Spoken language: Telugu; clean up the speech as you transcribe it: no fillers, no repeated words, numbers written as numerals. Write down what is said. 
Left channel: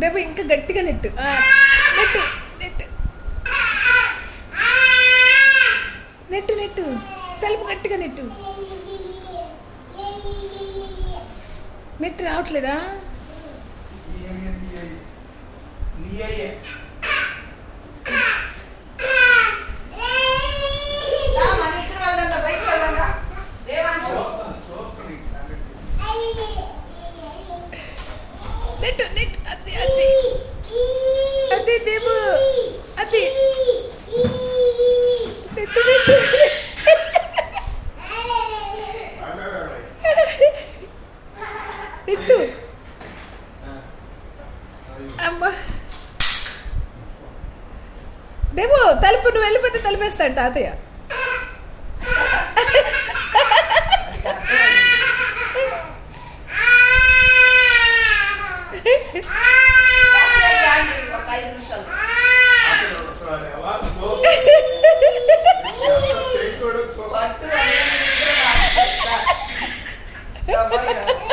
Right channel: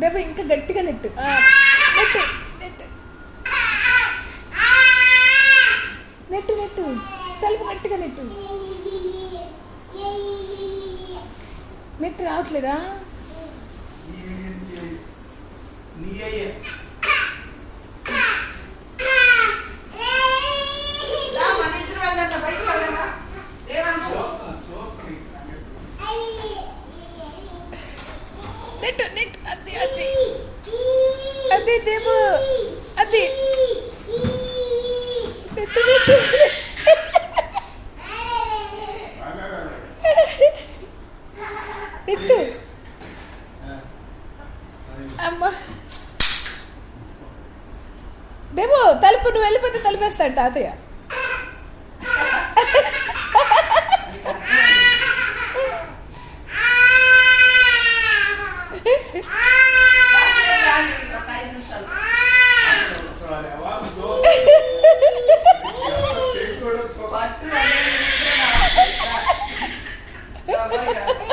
దేవ ఇంకా గట్టిగా net net net net net తలుపు గట్టిగా నెట్టు. నెట్ రావట్లేదా? నెట్టు నెట్ అది అది అది దేవు అది నెట్టు నెట్టు నెట్టు అమ్మా దేవు తలుపు నువ్వు వెళ్ళిపోతే తలుపేస్తాడు తాతయ్య. Apa ya?